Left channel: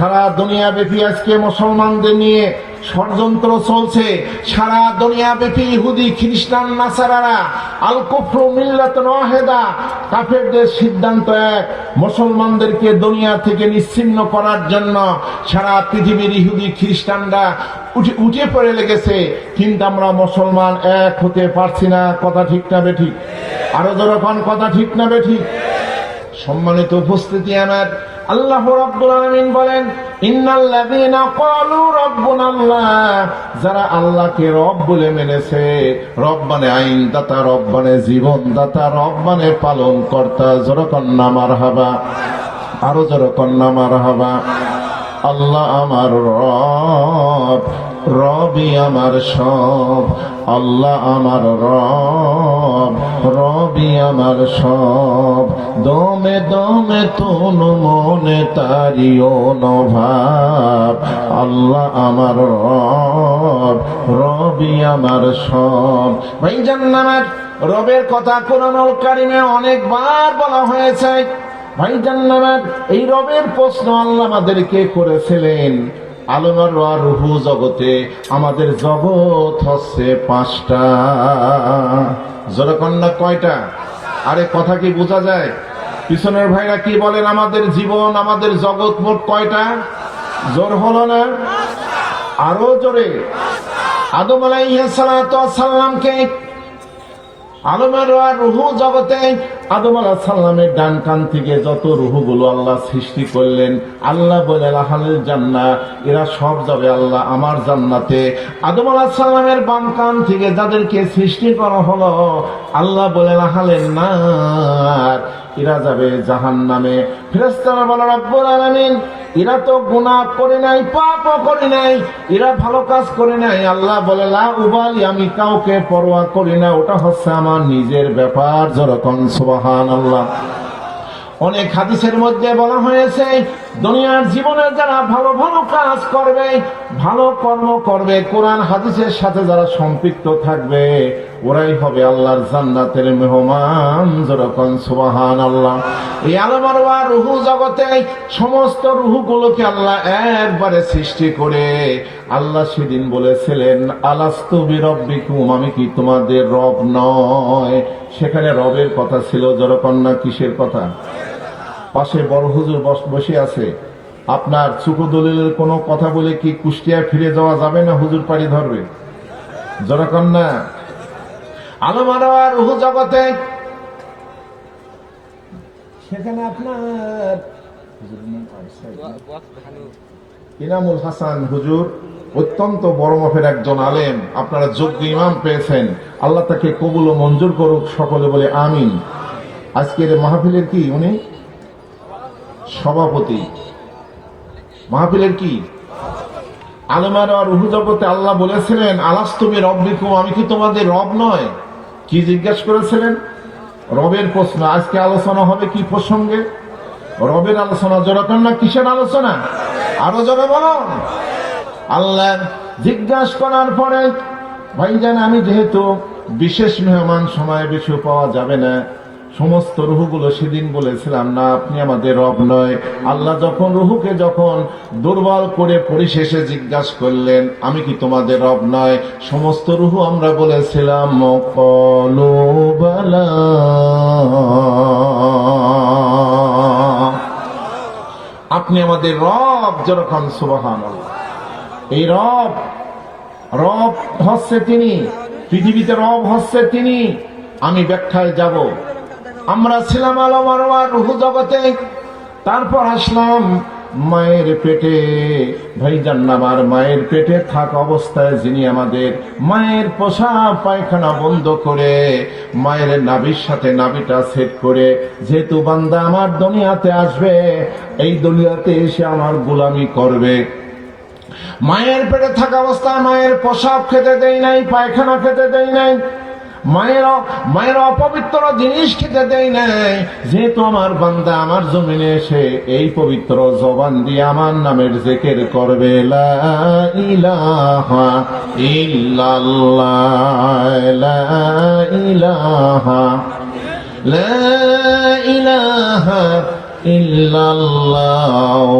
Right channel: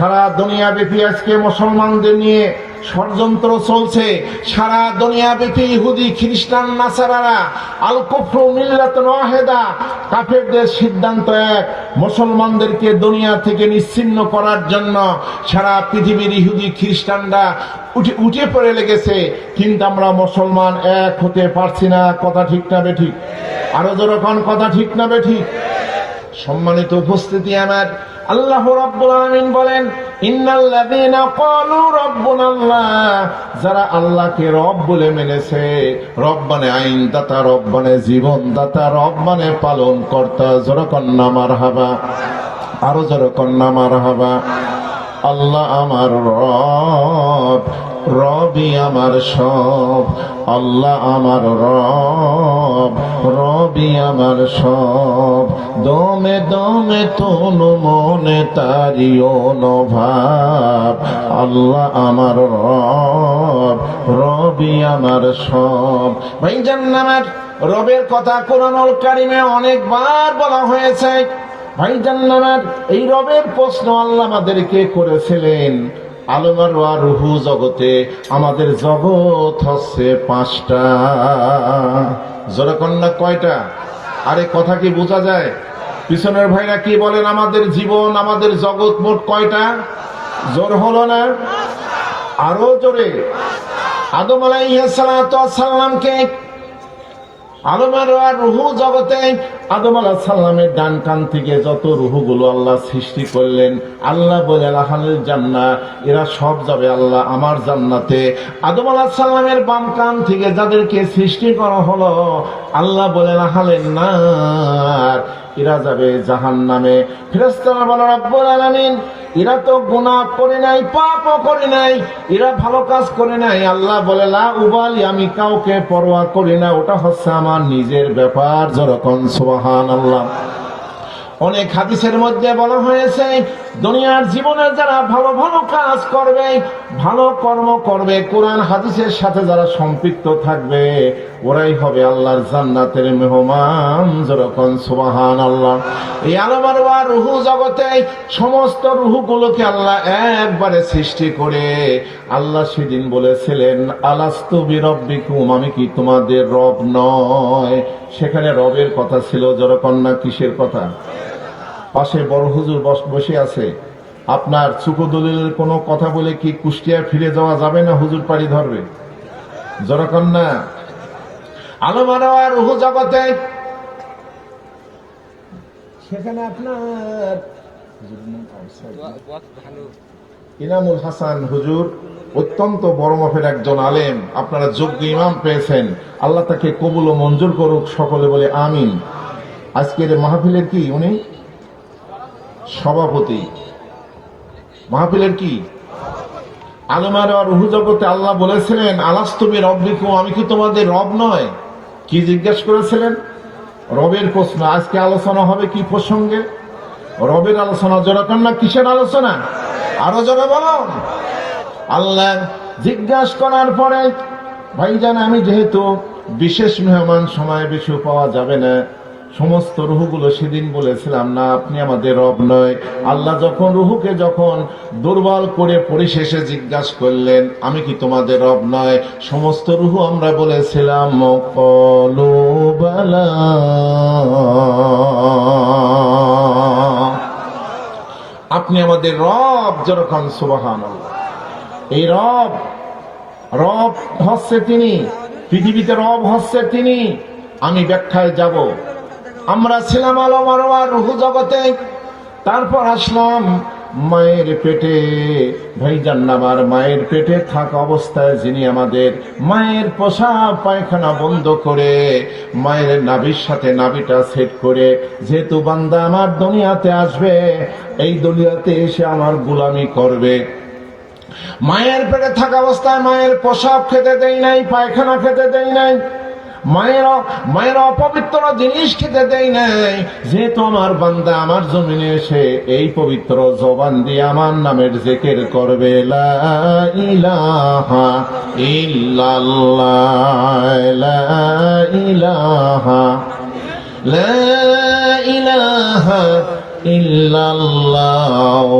সারা দুনিয়া ব্যাপী আজকে মুসলমানদের নিয়ে ষড়যন্ত্র চলছে। সারা দুনিয়া ব্যাপী ইহুদি, খ্রিস্টান, নাসারারা আল কুফরু মিল্লাত ওয়াহেদা, কাফেরদের সিদ্ধান্ত এক। মুসলমানদেরকে দুনিয়া থেকে নিশ্চিন্ন করার জন্য সারা পৃথিবীর ইহুদি, খ্রিস্টানরা উঠে উঠে পড়ে লেগেছে। কিন্তু আমরা মুসলমান এক হতে পারছি না। কথা ঠিক না বেঠিক আরও যখন কথা ঠিক না বেঠিক সম্মানিত উপস্থিতি আমার আল্লাহ রাব্বুল আলামিন বলেন যারা আল্লাহকে রব বলে মেনেছে রব মানে আইন দাতা রব মানে জীবন দাতা রব মানে পালন কর্তা জোর হাবা মারহাবা, আরও জোর কন্যা মারহাবা। আল্লাহ আমার রব, রবি আমার সব। আল্লাহ আমার রব, রবি আমার সব। দমে দমে তনু মনে তারি অনুভাব। আল্লাহ আমার রব, রবি আমার সব। ভাই জান্নাত রবের কথা কোরআনুল কারিমে অনেকবার বলা হয়েছে। ভাই জান্নাত, এই রবের প্রশ্ন আল্লাহ আমাদেরকে করেছিলেন। আলমার রুহু জগতে, আমাদের জগৎ হচ্ছে পাঁচটা। জোরে কয়টা? আরে কথা কি বোঝা যায়? পিছনের ভাইরা কি বলেন, আমাদের জীবন, আমাদের জগৎ মোট কয়টা? জোর হলো না? আরও জোরে। আদম আলাইসালামকে আলমের রুহু জগতে আদম আলাহ ডান কান থেকে যত রুহুগুলো আল্লাহ সৃষ্টি করলেন, আল্লাহ বলে আল্লাহানের জান্না এরা সব যাবে আল্লাহ আমার জান্নাতে। আদম আলাহ সাল্লামের বাম কান থেকে যাদেরকে সৃষ্টি করা হলো আল্লাহ বলে রাখালেন, না, এরা যাবে জাহান নামে। ফেরেস্তারা বলে, রব্বুল আলামিন, এরা তো গুণা করে নাই, পাপও করে নাই, এরা ভালো কাজ করে নাই। আল্লাহ বলে উবালি, আমি কাউকে পরোয়া করি না, ওটা হচ্ছে আমার নিজের ব্যাপার। যেরকম সোহান আল্লাহ অনেক হাদিসের মধ্যে বলা হয়েছে, দুনিয়ার জীবনে যারা ভালো ভালো কাজ করবে, ভালো কর্ম করবে, কোরআন হাদিসের সাথে যারা সম্পৃক্ত থাকবে ওরাই হবে আল্লাহর জান্নাতের মেহমান যেরকম সুবাহান আল্লাহ এই আলমার রুহু জগতে সমস্ত রুহুগুলোকে আল্লাহ একবারে সৃষ্টি করে। আল্লাহ সেদিন বলেছিলেন, আলাস্তু বিরব্বিকুম আমি কি তোমাদের রব নয়। সেখানে রবের কথা ছিল জরকন্যা কিসের কথা? পাশে বড় হুজুর বস- আছে। আপনার চুকো দলিলের কোনো কথা বলে কি কুষ্টিয়া ফিরে যাওয়া যাবে না হুজুর পাড়ি ধরবে? জরকন্যা আলমার আর রুহু জগতে। সেখানে আপনার ইনামুল হাসান? হুজুর অত্যন্ত বড় মফের একজন আলেম। আপনারা যোগ্য ইমাম পেয়েছেন। আল্লাহ তাকে কবুল ও মঞ্জুর করুক সকলে বলে আমিন। আজকের মাহফিলের কি উনি? সভাপতি। মাহফিলের কি? আলমার আর রুহু জগতে আল্লাহ বলেছিলেন আলাস্তবে রব্বিকুম আমি কি তোমাদের রব নয়? কি জিজ্ঞেস করেছিলেন? রবের প্রশ্ন, আজকে আলোচনা হবে কি প্রসঙ্গে? রবের আলোচনা জোড়া না কিসের আলোচনা? আরও জোরে আল্লাহ জিজ্ঞাসা করার পরে ভাই জান আমি যেহেতু বিশেষ মেহমান সময় বেশি পাওয়া যাবে না সমস্ত রুহুগুলো সেদিন বলেছিলাম, না, আপনি আমাদের রব নয়। আল্লাহ যখন রুহুকে যখন দুর্বল করে পরিশেষে জিজ্ঞাসা করলেন, আমি কি তোমাদের রব নয়? সমস্ত রুহু আমরা বলেছিলাম আপনি আমাদের রব যেরকম সুবাহান এই রব রব হচ্ছে তিনি, পৃথিবীতে রব হচ্ছে তিনি। আমি ব্যাখ্যায় যাব। আমরা ছিলাম আলমার রুহু জগতে। তারপর আসলাম মায়ের পেটে। ভাইজান আমার মায়ের পেটে থাকা অবস্থায় যিনি আমাদের মায়ের পোষা পায়খানা বন্ধ করে মায়ের নাভির সাথে নাভিটা সেট করে, যেহেতু বান্দা আমার দুনিয়াতে আসবে, এই দুনিয়াতে এসে আমার গোলামি করবে। মায়ের পেটে থাকা অবস্থায় মায়ের পোশাক খেতে দেয় নাই, পায়খানা খেতে দেয় নাই। মায়ের মায়ের অপবিত্র জিনিস খেতে দেয় নাই। যেহেতু আমার বান্দা আমার জমিনে এসে এই পবিত্র জবান দিয়ে আমার নামের জেকের করবে ইলাহা ইলাহা ইলাহা ইল্লাল্লাহ